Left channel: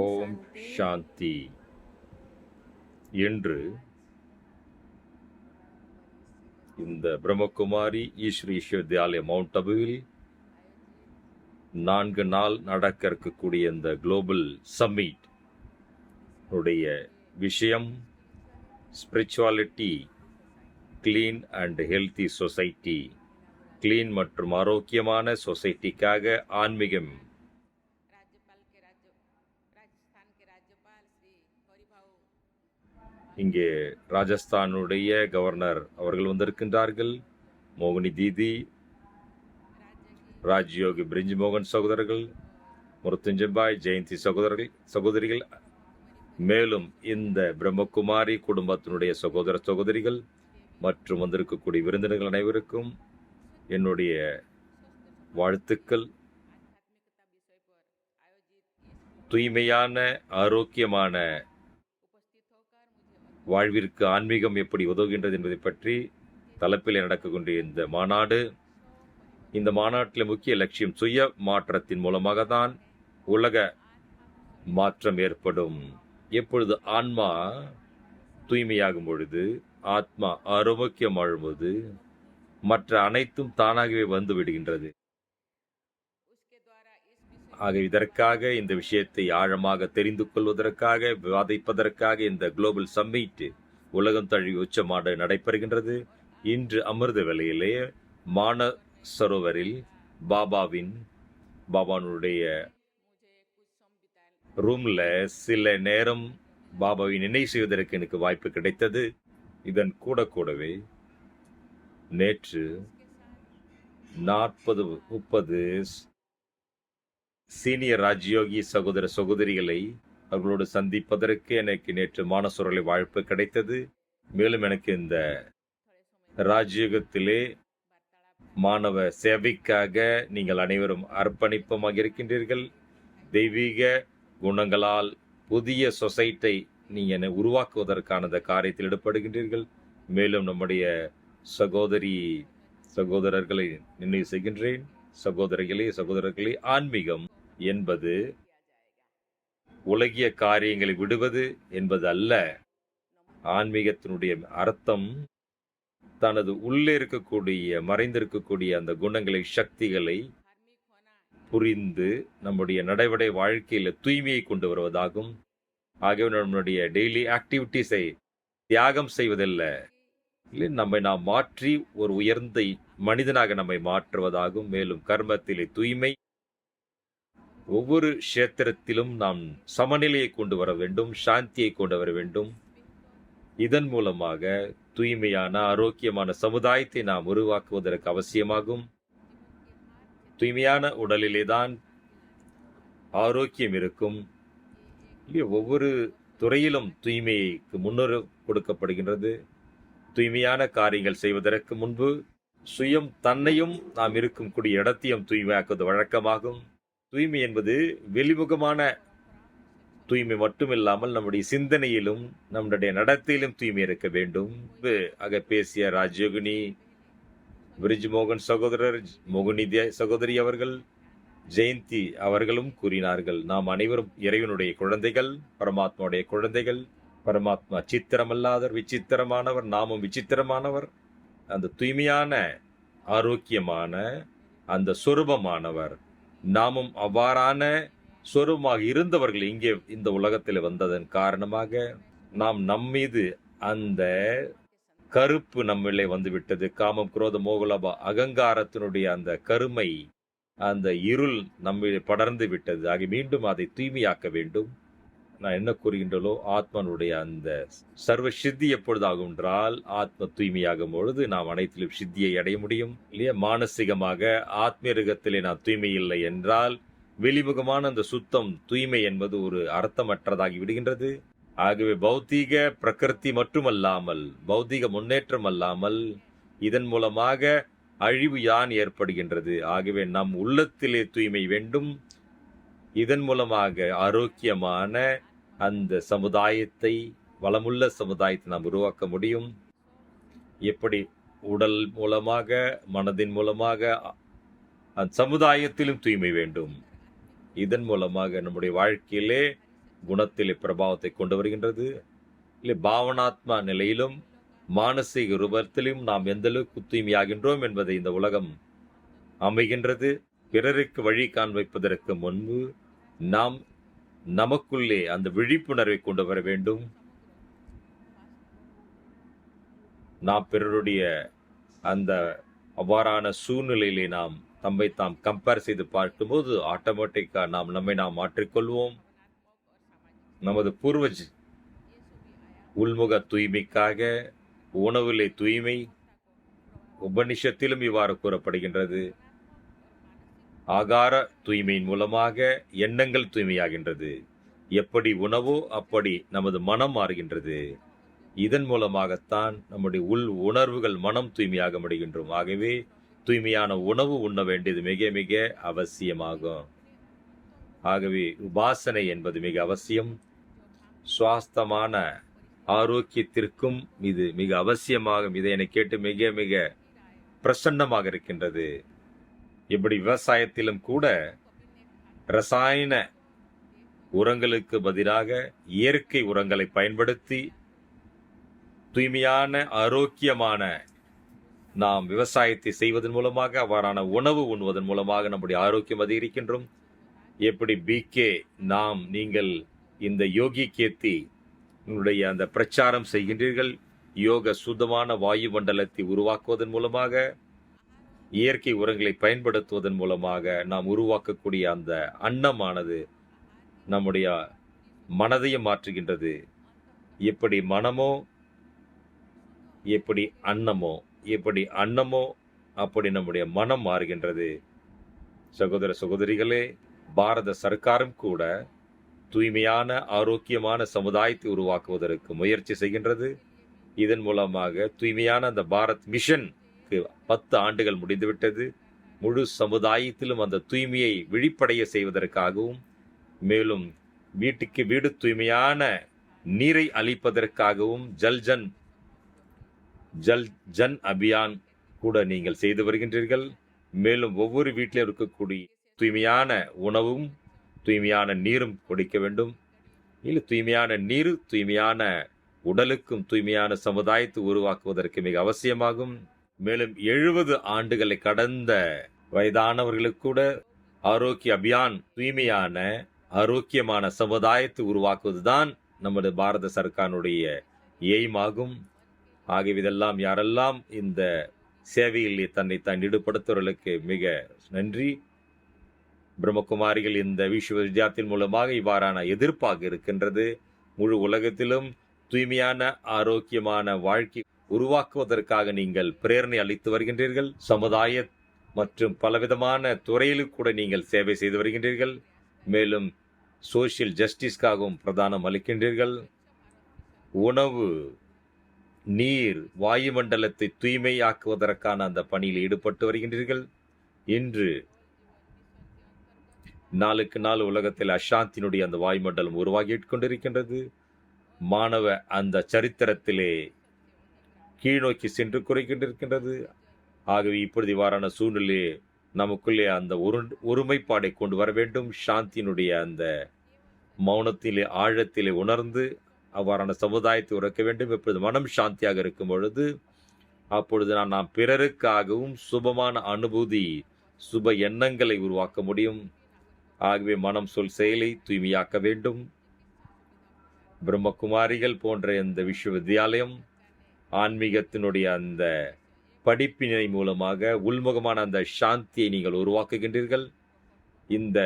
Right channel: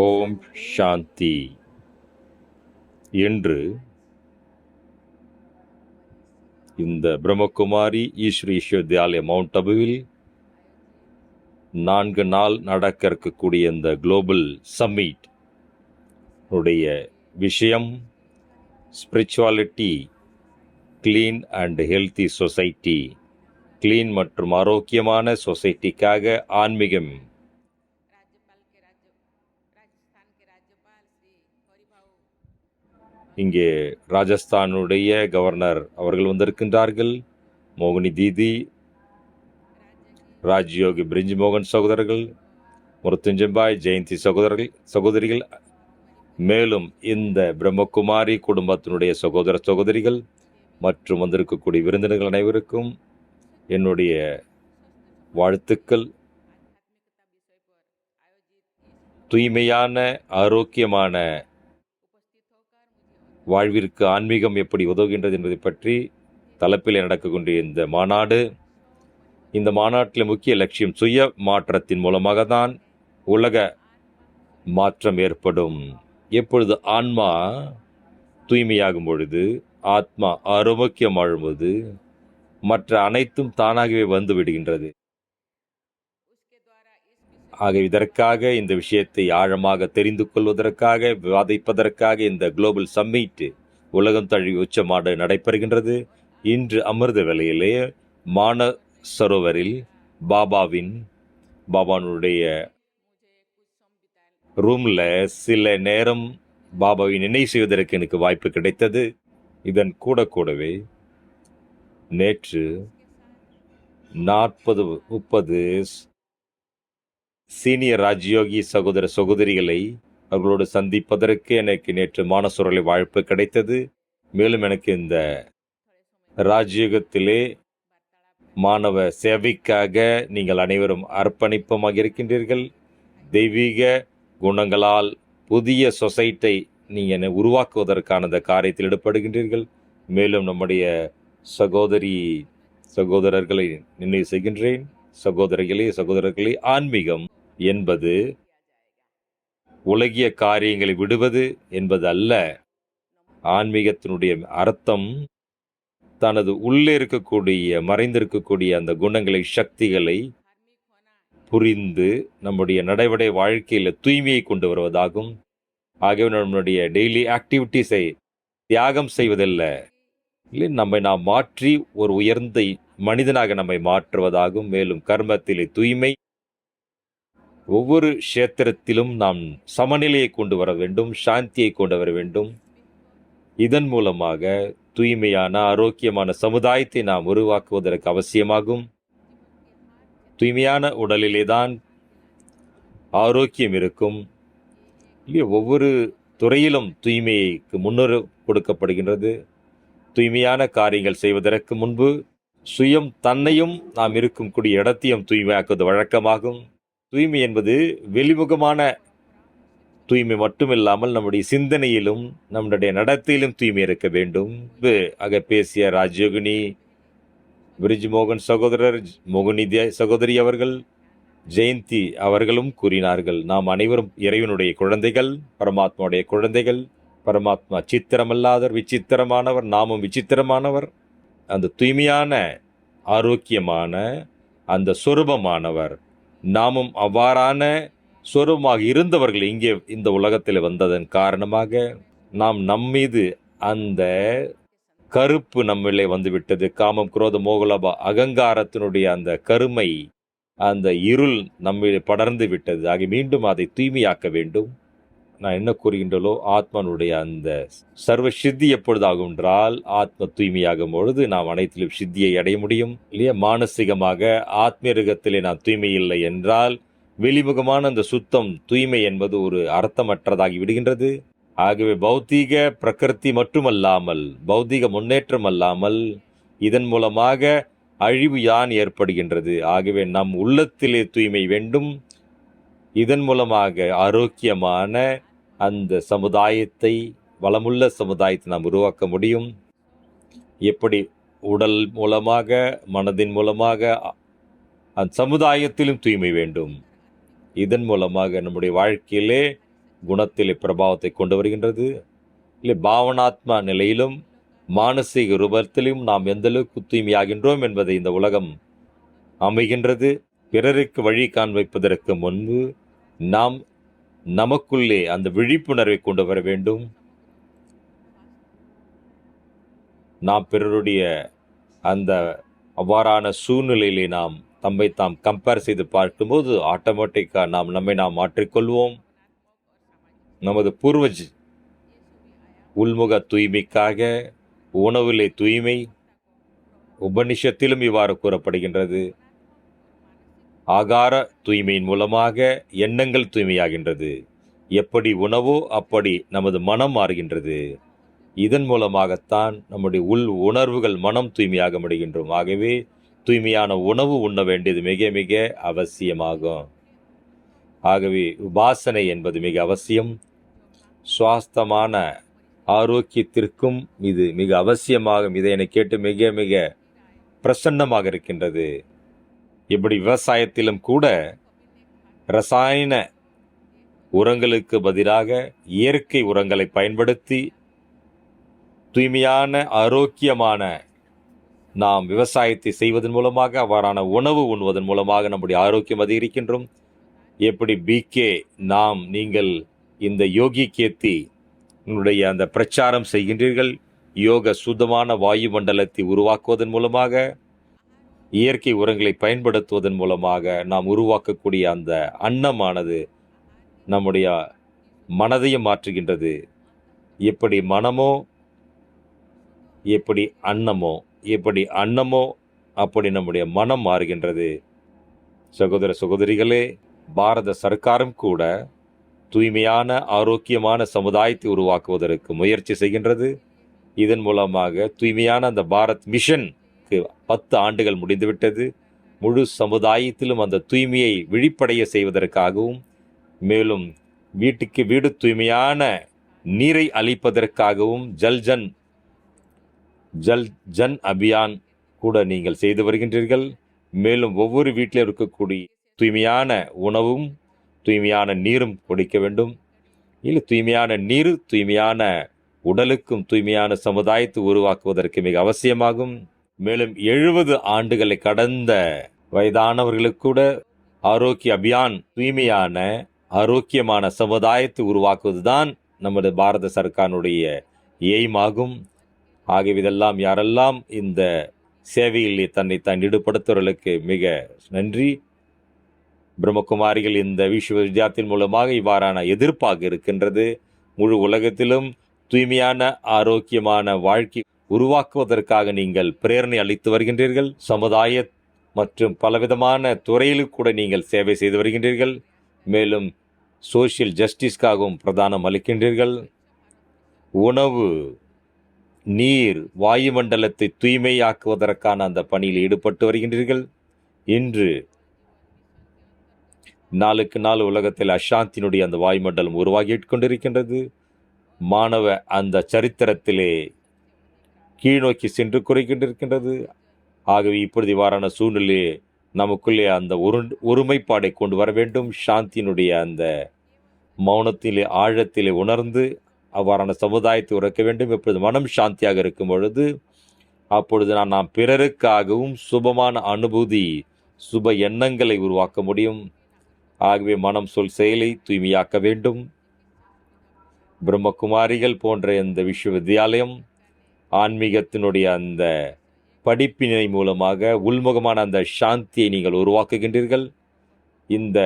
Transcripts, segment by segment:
ஓம் சாந்தி. என்று இந்த பிரம்மகுமாரி ஈஸ்வரி விஸ்வவித்யாலயா மவுண்ட் அபுவில் 4 நாள் நடக்க இருக்கக்கூடிய இந்த குளோபல் சம்மிட் உடைய விஷயம் spirituality, clean and healthy society. Clean மற்றும் ஆரோக்கியமான சொசைட்டிக்காக ஆன்மீகம். இங்கே ராஜஸ்தானுடைய கவர்னர் அவர்கள் வந்திருக்கின்றார்கள். மோகினி தீதி, ராஜ்யோகி பிரிஞ்ச் மோகன் சகோதரர்கள், முருத்துஞ்சம்பாய் ஜெயந்தி சகோதரிகள், மேலும் இந்த பிரம்மகுமாரி குடும்பத்தினுடைய சகோதர சகோதரிகள் மற்றும் வந்திருக்கக்கூடிய விருந்தினர்கள் அனைவருக்கும் என்னுடைய வாழ்த்துக்கள். தூய்மையான ஆரோக்கியமான வாழ்விற்கு ஆன்மீகம் எப்படி உதவுகின்றது என்பதை பற்றி தலைப்பில் நடக்கக்கூடிய இந்த மாநாடு. இந்த மாநாட்டில் முக்கிய லட்சியம் சுய மாற்றத்தின் மூலமாக தான் உலக மாற்றம் ஏற்படும். எப்பொழுது ஆன்மா தூய்மையாகும் பொழுது, ஆத்மா ஆரோக்கியம் வாழும்போது மற்ற அனைத்தும் தானாகவே வந்து விடுகின்றது. ஆக இதற்காக இந்த விஷயத்தை ஆழமாக தெரிந்து கொள்வதற்காக விவாதிப்பதற்காக இந்த குளோபல் சம்மிட் உலகம் தழுவிய உச்ச மாநாடு நடைபெறுகின்றது. இன்று அமிர்த வேளையிலே மானசரோவரில் பாபானுடைய ரூம்ல சில நேரம் பாபாவை நினைவு செய்வதற்கு எனக்கு வாய்ப்பு கிடைத்தது. இதன் கூடவே நேற்று 40-30 சீனியர் ராஜ்யோகி சகோதர சகோதரிகளை அவர்களோடு சந்திப்பதற்கு எனக்கு நேற்று மானசரோவரில் வாய்ப்பு கிடைத்தது. மேலும் எனக்கு இந்த ராஜ்யோகத்திலே மாணவ சேவைக்காக நீங்கள் அனைவரும் அர்ப்பணிப்பமாக இருக்கின்றீர்கள். தெய்வீக குணங்களால் புதிய சொசைட்டை நீங்கள் உருவாக்குவதற்கான இந்த காரியத்தில் ஈடுபடுகின்றீர்கள். மேலும் நம்முடைய சகோதரர்களை நினைவு செய்கின்றேன். சகோதரர்களே, ஆன்மீகம் என்பது உலகிய காரியங்களை விடுவது என்பது அல்ல. ஆன்மீகத்தினுடைய அர்த்தம் தனது உள்ளே இருக்கக்கூடிய மறைந்திருக்கக்கூடிய அந்த குணங்களை, சக்திகளை புரிந்து நம்முடைய நடைமுறை வாழ்க்கையில் தூய்மையை கொண்டு வருவதாகும். ஆகவே நம்முடைய டெய்லி ஆக்டிவிட்டிஸை தியாகம் செய்வதல்ல, இல்லை, நாம் மாற்றி ஒரு உயர்ந்த மனிதனாக நம்மை மாற்றுவதாகும். மேலும் கர்மத்திலே தூய்மை, ஒவ்வொரு கஷேத்திரத்திலும் நாம் சமநிலையை கொண்டு வர வேண்டும், சாந்தியை கொண்டு வர வேண்டும். இதன் மூலமாக தூய்மையான ஆரோக்கியமான சமுதாயத்தை நாம் உருவாக்குவதற்கு அவசியமாகும். தூய்மையான உடலிலே தான் ஆரோக்கியம் இருக்கும். ஒவ்வொரு துறையிலும் தூய்மைக்கு முன்னுரிமை கொடுக்கப்படுகின்றது. தூய்மையான காரியங்கள் செய்வதற்கு முன்பு சுயம் தன்னையும் நாம் இருக்கக்கூடிய இடத்தையும் தூய்மையாக்குவது வழக்கமாகும். தூய்மை என்பது வெளிமுகமான தூய்மை மட்டுமில்லாமல் நம்முடைய சிந்தனையிலும் நம்முடைய நடத்தையிலும் தூய்மை இருக்க வேண்டும். ஆக பேசிய ராஜயோகினி பிரிஜ் மோகன் சகோதரர், மோகினி சகோதரி அவர்கள், ஜெயந்தி அவர்களும் கூறினார்கள், நாம் அனைவரும் இறைவனுடைய குழந்தைகள், பரமாத்மாவுடைய குழந்தைகள். பரமாத்மா சித்திரமல்லாதவர், விசித்திரமானவர், நாமும் விசித்திரமானவர். அந்த தூய்மையான ஆரோக்கியமான அந்த சொரூபமானவர். நாமும் அவ்வாறான சொரூபமாக இருந்தவர்கள் இங்கே இந்த உலகத்தில் வந்ததன் காரணமாக நாம் நம்மீது அந்த கருப்பு நம்மளே வந்துவிட்டது. காமம், குரோதம், மோகலோப அகங்காரத்தினுடைய அந்த கருமை, அந்த இருள் நம்மளே படர்ந்து விட்டது. ஆக மீண்டும் அதை தூய்மையாக்க வேண்டும். நான் என்ன கூறுகின்றோ, ஆத்மனுடைய அந்த சர்வ சித்தி எப்பொழுது ஆகும் என்றால், ஆத்ம தூய்மையாகும் பொழுது நாம் அனைத்திலும் சித்தியை அடைய முடியும், இல்லையா? மானசீகமாக ஆத்மீகத்திலே நான் தூய்மை இல்லை என்றால் வெளிமுகமான அந்த சுத்தம், தூய்மை என்பது ஒரு அர்த்தமற்றதாகி விடுகின்றது. ஆகவே பௌத்தீக பிரகிருதி மட்டுமல்லாமல், பௌத்தீக முன்னேற்றம் அல்லாமல், இதன் மூலமாக அழிவு யான் ஏற்படுகின்றது. ஆகவே நம் உள்ளத்திலே தூய்மை வேண்டும். இதன் மூலமாக ஆரோக்கியமான அந்த சமுதாயத்தை, வளமுள்ள சமுதாயத்தை நாம் உருவாக்க முடியும். எப்படி உடல் மூலமாக, மனதின் மூலமாக அந்த சமுதாயத்திலும் தூய்மை வேண்டும். இதன் மூலமாக நம்முடைய வாழ்க்கையிலே குணத்திலே பிரபாவத்தை கொண்டு வருகின்றது. இல்லை பாவனாத்மா நிலையிலும் மானசீக ரூபத்திலும் நாம் எந்த அளவுக்கு தூய்மையாகின்றோம் என்பதை இந்த உலகம் அமைகின்றது. பிறருக்கு வழி காண்பிப்பதற்கு முன்பு நாம் நமக்குள்ளே அந்த விழிப்புணர்வை கொண்டு வர வேண்டும். நாம் பிறருடைய அந்த அவ்வாறான சூழ்நிலையிலே நாம் தம்மை தாம் கம்பேர் செய்து பார்க்கும்போது ஆட்டோமேட்டிக்காக நம்மை நாம் மாற்றிக்கொள்வோம். நமது பூர்வஜ் உள்முக தூய்மைக்காக உணவிலே தூய்மை, உபனிஷத்திலும் இவ்வாறு கூறப்படுகின்றது. ஆகார தூய்மையின் மூலமாக எண்ணங்கள் தூய்மையாகின்றது. எப்படி உணவோ அப்படி நமது மனம் மாறுகின்றது. இதன் மூலமாகத்தான் நம்முடைய உள் உணர்வுகள் மனம் தூய்மையாக முடிகின்றோம். ஆகவே தூய்மையான உணவு உண்ண வேண்டியது மிக மிக அவசியமாகும். ஆகவே உபாசனை என்பது மிக அவசியம். சுவாஸ்தமான ஆரோக்கியத்திற்கும் இது மிக அவசியமாகும். இதை என்னை கேட்டு மிக மிக பிரசன்னமாக இருக்கின்றது. இப்படி விவசாயத்திலும் கூட ரசாயன உரங்களுக்கு பதிலாக இயற்கை உரங்களை பயன்படுத்தி தூய்மையான ஆரோக்கியமான நாம் விவசாயத்தை செய்வதன் மூலமாக அவ்வாறான உணவு உண்ணுவதன் மூலமாக நம்முடைய ஆரோக்கியம் அதிகரிக்கின்றோம். எப்படி பிகே நீங்கள் இந்த யோகி கேத்தி அந்த பிரச்சாரம் செய்கின்றீர்கள். யோக சுத்தமான வாயு மண்டலத்தை உருவாக்குவதன் மூலமாக இயற்கை உரங்களை பயன்படுத்துவதன் மூலமாக நாம் உருவாக்கக்கூடிய அந்த அன்னமானது நம்முடைய மனதையும் மாற்றுகின்றது. எப்படி மனமோ எப்படி அன்னமோ அப்படி நம்முடைய மனம் மாறுகின்றது. சகோதர சகோதரிகளே, பாரத சர்க்காரும் கூட தூய்மையான ஆரோக்கியமான சமுதாயத்தை உருவாக்குவதற்கு முயற்சி செய்கின்றது. இதன் மூலமாக தூய்மையான அந்த பாரத் மிஷனுக்கு 10 ஆண்டுகள் முடிந்துவிட்டது. முழு சமுதாயத்திலும் அந்த தூய்மையை விழிப்படைய செய்வதற்காகவும், மேலும் வீட்டுக்கு வீடு தூய்மையான நீரை அளிப்பதற்காகவும் ஜல் ஜன் அபியான் கூட நீங்கள் செய்து வருகின்றீர்கள். மேலும் ஒவ்வொரு வீட்டிலும் இருக்கக்கூடிய தூய்மையான உணவும் தூய்மையான நீரும் கொடுக்க வேண்டும். இல்லை தூய்மையான நீர் தூய்மையான உடலுக்கும் தூய்மையான சமுதாயத்தை உருவாக்குவதற்கு மிக அவசியமாகும். மேலும் 70 ஆண்டுகளை கடந்த வயதானவர்களுக்கு கூட ஆரோக்கிய அபியான் தூய்மையான ஆரோக்கியமான சமுதாயத்தை உருவாக்குவதுதான் நமது பாரத சர்க்காருடைய எய்மாகும். ஆகிய இதெல்லாம் யாரெல்லாம் இந்த சேவையில் தன்னை ஈடுபடுத்துவர்களுக்கு மிக நன்றி. பிரம்மகுமாரிகள் இந்த விஸ்வவித்யாலயத்தின் மூலமாக இவ்வாறான எதிர்ப்பாக இருக்கின்றது. முழு உலகத்திலும் தூய்மையான ஆரோக்கியமான வாழ்க்கை உருவாக்குவதற்காக நீங்கள் பிரேரணை அளித்து வருகின்றீர்கள். சமுதாய மற்றும் பலவிதமான துறையிலும் கூட நீங்கள் சேவை செய்து வருகின்றீர்கள். மேலும் சோஷியல் ஜஸ்டிஸ்க்காகவும் பிரதானம் அளிக்கின்றீர்கள். உணவு, நீர், வாயுமண்டலத்தை தூய்மையாக்குவதற்கான அந்த பணியில் ஈடுபட்டு வருகின்றீர்கள். இன்று நாளுக்கு நாள் உலகத்தில் அசாந்தியினுடைய அந்த வாயுமண்டலம் உருவாகிக் கொண்டிருக்கின்றது. மாணவ அந்த சரித்திரத்திலே கீழ்நோக்கி சென்று குறைகின்றிருக்கின்றது. ஆகவே இப்பொழுது இவ்வாறான சூழ்நிலையே நமக்குள்ளே அந்த ஒருமைப்பாடை கொண்டு வர வேண்டும். சாந்தியினுடைய அந்த மௌனத்திலே ஆழத்திலே உணர்ந்து அவ்வாறான சமுதாயத்தை உறக்க வேண்டும். எப்பொழுது மனம் சாந்தியாக இருக்கும் பொழுது அப்பொழுது நாம் பிறருக்காகவும் சுபமான அனுபூதி, சுப எண்ணங்களை உருவாக்க முடியும். ஆகவே மனம், சொல், செயலை தூய்மையாக்க வேண்டும். பிரம்மகுமாரிகள் போன்ற இந்த விஸ்வவித்யாலயம் ஆன்மீகத்தினுடைய அந்த படிப்பினை மூலமாக உள்முகமான அந்த சாந்தியை நீங்கள் உருவாக்குகின்றீர்கள். இந்த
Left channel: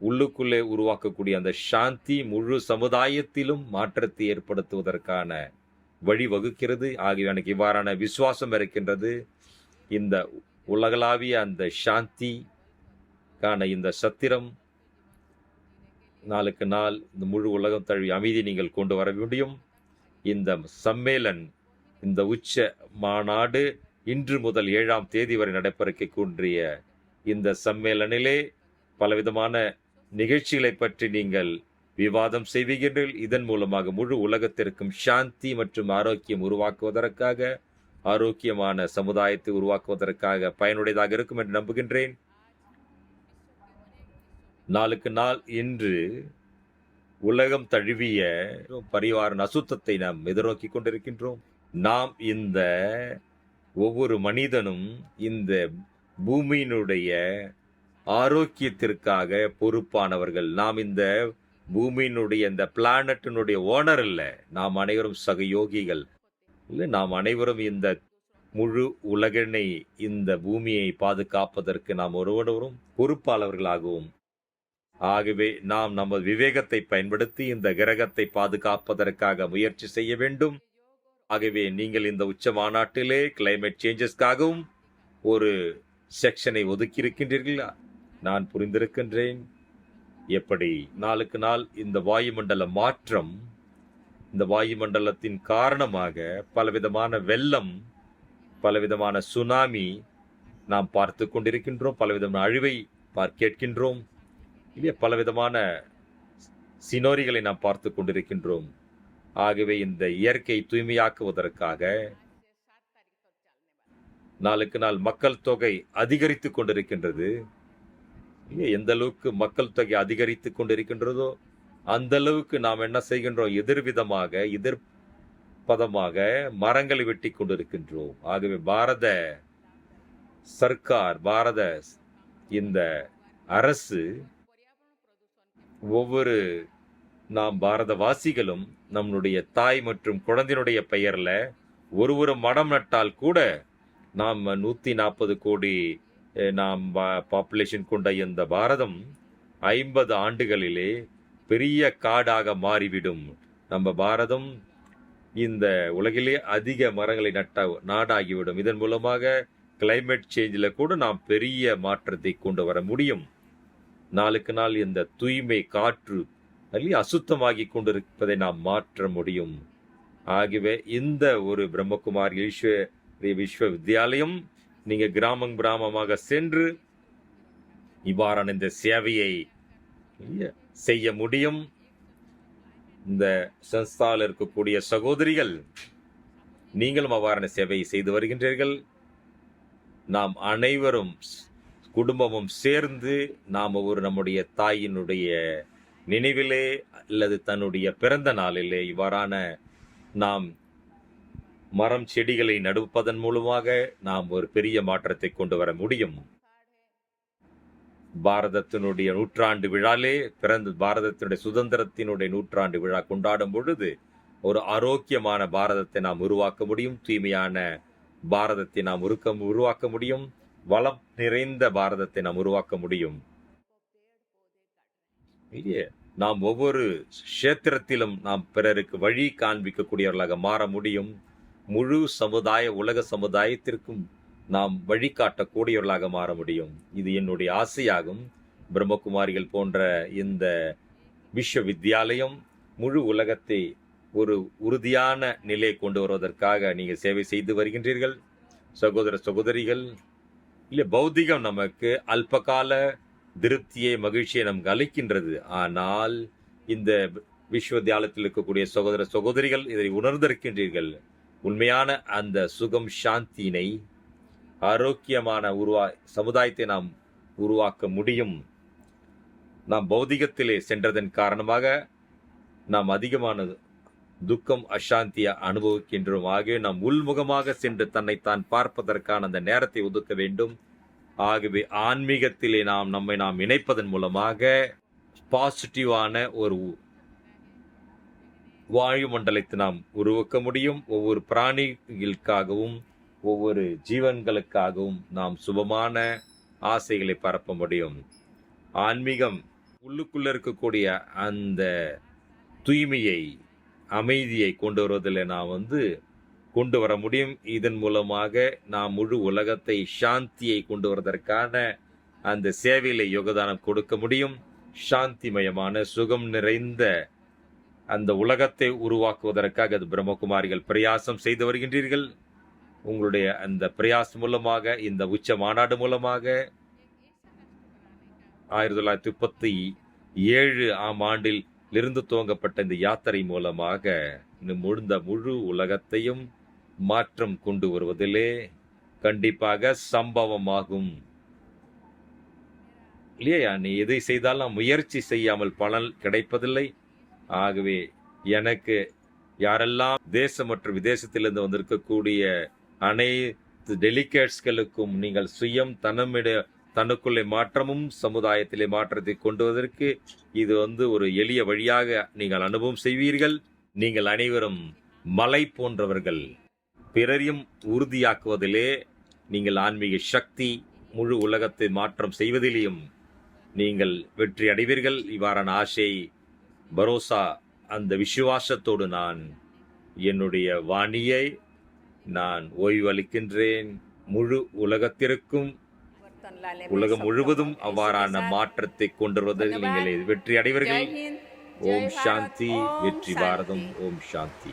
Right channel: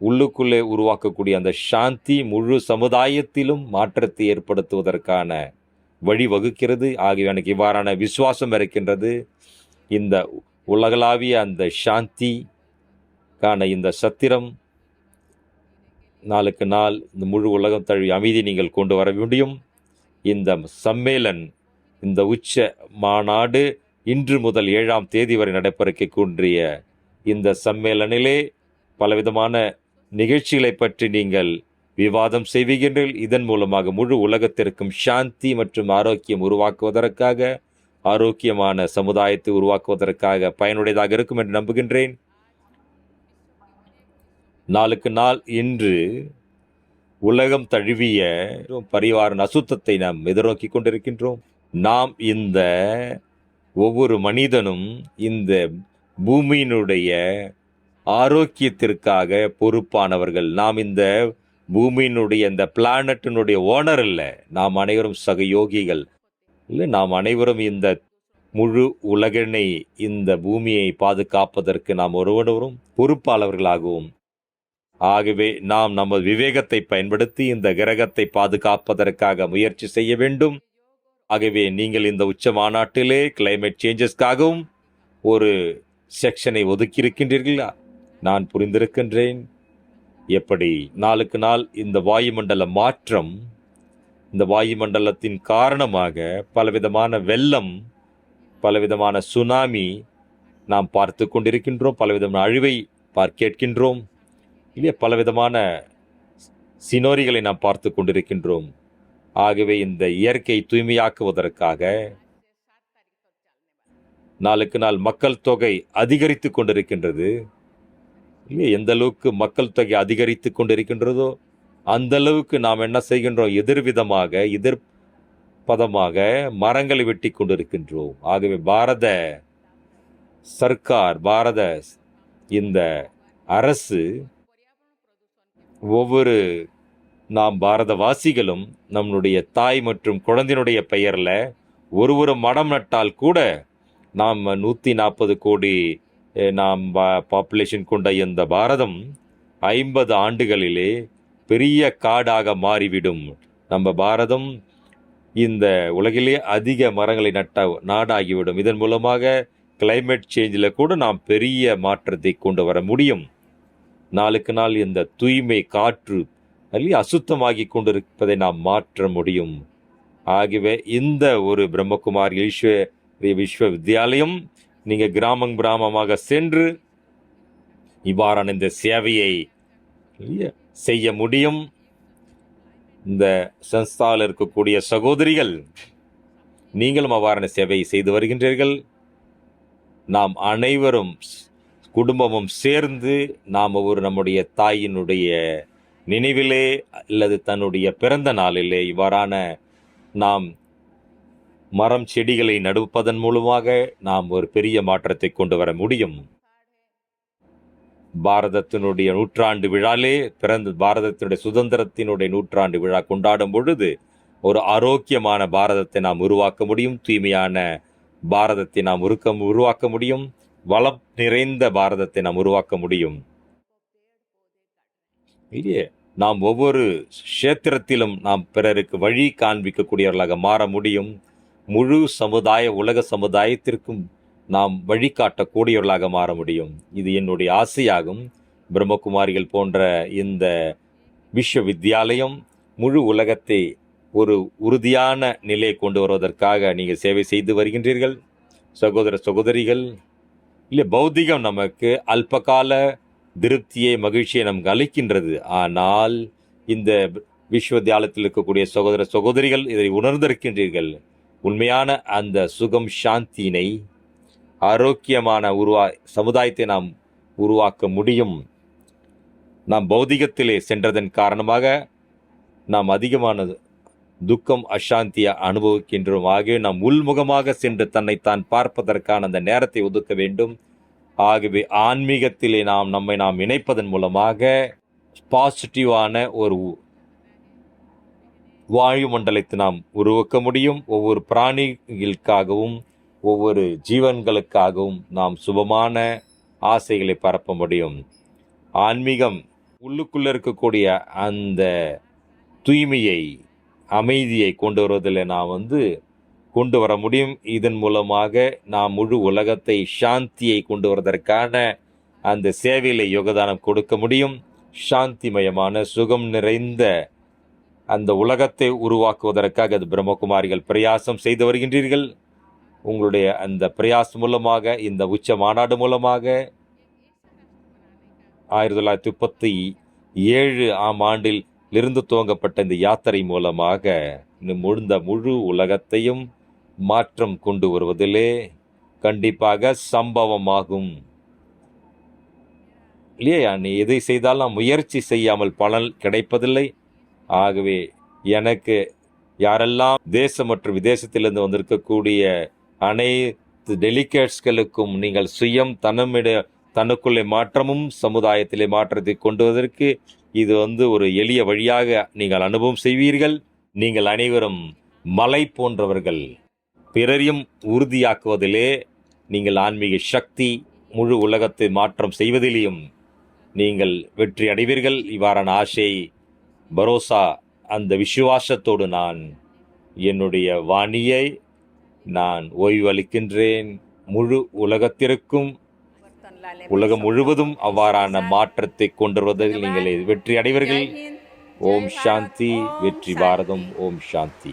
உள்ளுக்குள்ளே உருவாக்கக்கூடிய அந்த சாந்தி முழு சமுதாயத்திலும் மாற்றத்தை ஏற்படுத்துவதற்கான வழிவகுக்கிறது. ஆகிய எனக்கு இவ்வாறான விசுவாசம் இருக்கின்றது. இந்த உலகளாவிய அந்த சாந்திக்கான இந்த சத்திரம் நாளுக்கு நாள் இந்த முழு உலகம் தழுவிய அமைதி நீங்கள் கொண்டு வர முடியும். இந்த சம்மேளன், இந்த உச்ச மாநாடு இன்று முதல் 7ஆம் தேதி வரை நடைபெறக்கூடிய இந்த சம்மேளனிலே பலவிதமான நிகழ்ச்சிகளை பற்றி நீங்கள் விவாதம் செய்வீர்கள். இதன் மூலமாக முழு உலகத்திற்கும் சாந்தி மற்றும் ஆரோக்கியம் உருவாக்குவதற்காக, ஆரோக்கியமான சமுதாயத்தை உருவாக்குவதற்காக பயனுடையதாக இருக்கும் என்று நம்புகின்றேன். நாளுக்கு நாள் இன்று உலகம் தழுவிய பரிவாரின் அசுத்தத்தை நாம் எதிர்நோக்கி கொண்டிருக்கின்றோம். நாம் இந்த ஒவ்வொரு மனிதனும் இந்த பூமியினுடைய ஆரோக்கியத்திற்காக பொறுப்பானவர்கள். நாம் இந்த பூமியினுடைய இந்த பிளானட்டினுடைய ஓனர் அல்ல. நாம் அனைவரும் சகயோகிகள். இல்லை, நாம் அனைவரும் இந்த முழு உலகினை, இந்த பூமியை பாதுகாப்பதற்கு நாம் ஒருவரும் பொறுப்பாளர்களாகவும், ஆகவே நாம் நமது விவேகத்தை பயன்படுத்தி இந்த கிரகத்தை பாதுகாப்பதற்காக முயற்சி செய்ய வேண்டும். ஆகவே நீங்கள் இந்த உச்ச மாநாட்டிலே கிளைமேட் சேஞ்சஸ்க்காகவும் ஒரு செக்ஷனை ஒதுக்கியிருக்கின்றீர்களா? நான் புரிந்திருக்கின்றேன். எப்படி நாளுக்கு நாள் இந்த வாயுமண்டல மாற்றம், இந்த வாயுமண்டலத்தின் காரணமாக பலவிதமான வெள்ளம், பலவிதமான சுனாமி நாம் பார்த்து கொண்டிருக்கின்றோம். பலவிதமான அழிவை கேட்கின்றோம். இல்லையா, பலவிதமான சினோரிகளை நாம் பார்த்து கொண்டிருக்கின்றோம். ஆகவே இந்த இயற்கை தூய்மையாக்குவதற்காக நாளுக்கு நாள் மக்கள் தொகை அதிகரித்து கொண்டிருக்கின்றது. இல்லையா, எந்த அளவுக்கு மக்கள் தொகை அதிகரித்து கொண்டிருக்கின்றதோ அந்த அளவுக்கு நாம் என்ன செய்கின்றோம்? எதிர்பதமாக மரங்களை வெட்டி கொண்டிருக்கின்றோம். ஆகவே பாரத சர்க்கார், இந்த அரசு, ஒவ்வொரு நாம் பாரதவாசிகளும் நம்முடைய தாய் மற்றும் குழந்தையினுடைய பெயரில் ஒரு மரம் நட்டால் கூட நாம் 140 கோடி நாம் பாப்புலேஷன் கொண்ட இந்த பாரதம் 50 ஆண்டுகளிலே பெரிய காடாக மாறிவிடும். நம்ம பாரதம் இந்த உலகிலே அதிக மரங்களை நட்ட நாடாகிவிடும். இதன் மூலமாக கிளைமேட் சேஞ்சில் கூட நாம் பெரிய மாற்றத்தை கொண்டு வர முடியும். நாளுக்கு நாள் இந்த தூய்மை காற்று அசுத்தமாகி கொண்டிருப்பதை நாம் மாற்ற முடியும். ஆகவே இந்த ஒரு பிரம்மகுமாரி விஸ்வவித்யாலயம் நீங்கள் கிராமமாக சென்று இவ்வாறான இந்த சேவையை செய்ய முடியும். இந்த சன்ஸ்தாவில் இருக்கக்கூடிய சகோதரிகள், நீங்களும் அவ்வாறான சேவையை செய்து வருகின்றீர்கள். நாம் அனைவரும் குடும்பமும் சேர்ந்து நாம் நம்முடைய தாயினுடைய நினைவிலே அல்லது தன்னுடைய பிறந்த நாளிலே இவ்வாறான நாம் மரம் செடிகளை நடுப்பதன் மூலமாக நாம் ஒரு பெரிய மாற்றத்தை கொண்டு வர முடியும். பாரதத்தினுடைய நூற்றாண்டு விழாலே பாரதத்தினுடைய சுதந்திரத்தினுடைய நூற்றாண்டு விழா கொண்டாடும் பொழுது ஒரு ஆரோக்கியமான பாரதத்தை நாம் உருவாக்க முடியும். தூய்மையான பாரதத்தை நாம் உருவாக்க முடியும். வளம் நிறைந்த பாரதத்தை நாம் உருவாக்க முடியும். இல்லையே, நாம் ஒவ்வொரு கஷேத்திரத்திலும் நாம் பிறருக்கு வழி காண்பிக்கக்கூடியவர்களாக மாற முடியும். முழு உலக சமுதாயத்திற்கும் நாம் வழிகாட்டக்கூடியவர்களாக மாற முடியும். இது என்னுடைய ஆசையாகும். பிரம்மகுமாரிகள் போன்ற இந்த விஸ்வவித்யாலயம் முழு உலகத்தை ஒரு உறுதியான நிலை கொண்டு வருவதற்காக நீங்கள் சேவை செய்து வருகின்றீர்கள். சகோதரிகள், இல்லை, பௌத்திகம் நமக்கு அல்பகால திருப்தியை, மகிழ்ச்சியை நமக்கு அளிக்கின்றது. ஆனால் இந்த விஸ்வவித்யாலயத்தில் இருக்கக்கூடிய சகோதரிகள் இதை உணர்ந்திருக்கின்றீர்கள். உண்மையான அந்த சுகம், சாந்தியினை, ஆரோக்கியமான சமுதாயத்தை நாம் உருவாக்க முடியும். நாம் பௌதிகத்திலே சென்றதன் காரணமாக நாம் அதிகமான துக்கம், அசாந்தியை அனுபவிக்கின்றோம். ஆகவே நாம் உள்முகமாக சென்று தன்னைத்தான் பார்ப்பதற்கான அந்த நேரத்தை ஒதுக்க வேண்டும். ஆகவே ஆன்மீகத்திலே நம்மை இணைப்பதன் மூலமாக பாசிட்டிவான ஒரு வாயுமண்டலத்தை நாம் உருவாக்க முடியும். ஒவ்வொரு பிராணிகளுக்காகவும் ஒவ்வொரு ஜீவன்களுக்காகவும் நாம் சுபமான ஆசைகளை பரப்ப முடியும். ஆன்மீகம் உள்ளுக்குள்ளே இருக்கக்கூடிய அந்த தூய்மையை, அமைதியை கொண்டு வருவதில் நாம் கொண்டு வர முடியும். இதன் மூலமாக நாம் முழு உலகத்தை சாந்தியை கொண்டு வருவதற்கான அந்த சேவையில் யோகதானம் கொடுக்க முடியும். சாந்திமயமான சுகம் நிறைந்த அந்த உலகத்தை உருவாக்குவதற்காக அது பிரம்மகுமாரிகள் பிரயாசம் செய்து வருகின்றீர்கள். உங்களுடைய அந்த பிரயாசம் மூலமாக, இந்த உச்ச மாநாடு மூலமாக 1937 ஆண்டில் இருந்து துவங்கப்பட்ட இந்த யாத்திரை மூலமாக முழு உலகத்தையும் மாற்றம் கொண்டு வருவதிலே கண்டிப்பாக சம்பவமாகும். இல்லையா, நீ எதை செய்தாலும் முயற்சி செய்யாமல் பலன் கிடைப்பதில்லை. ஆகவே எனக்கு யாரெல்லாம் தேசம் மற்றும் விதேசத்திலிருந்து வந்திருக்கக்கூடிய அனைத்து டெலிகேட்ஸ்களுக்கும் நீங்கள் சுயம் தனக்குள்ளே மாற்றமும் சமுதாயத்திலே மாற்றத்தை கொண்டு வருவதற்கு இது ஒரு எளிய வழியாக நீங்கள் அனுபவம் செய்வீர்கள். நீங்கள் அனைவரும் மலை போன்றவர்கள். பிறரையும் உறுதியாக்குவதிலே நீங்கள் ஆன்மீக சக்தி, முழு உலகத்தை மாற்றம் செய்வதிலேயும் நீங்கள் வெற்றி அடைவீர்கள். இவ்வாறான ஆசை, பரோசா, அந்த விசுவாசத்தோடு நான் என்னுடைய வாணியை நான் ஓய்வு அளிக்கின்றேன். முழு உலகத்திற்கும், உலகம் முழுவதும் அவ்வாறான மாற்றத்தை கொண்டு வருவதில் நீங்கள் வெற்றி அடைவீர்கள். ஓம் சாந்தி. வெற்றி பாரதம். ஓம் சாந்தி.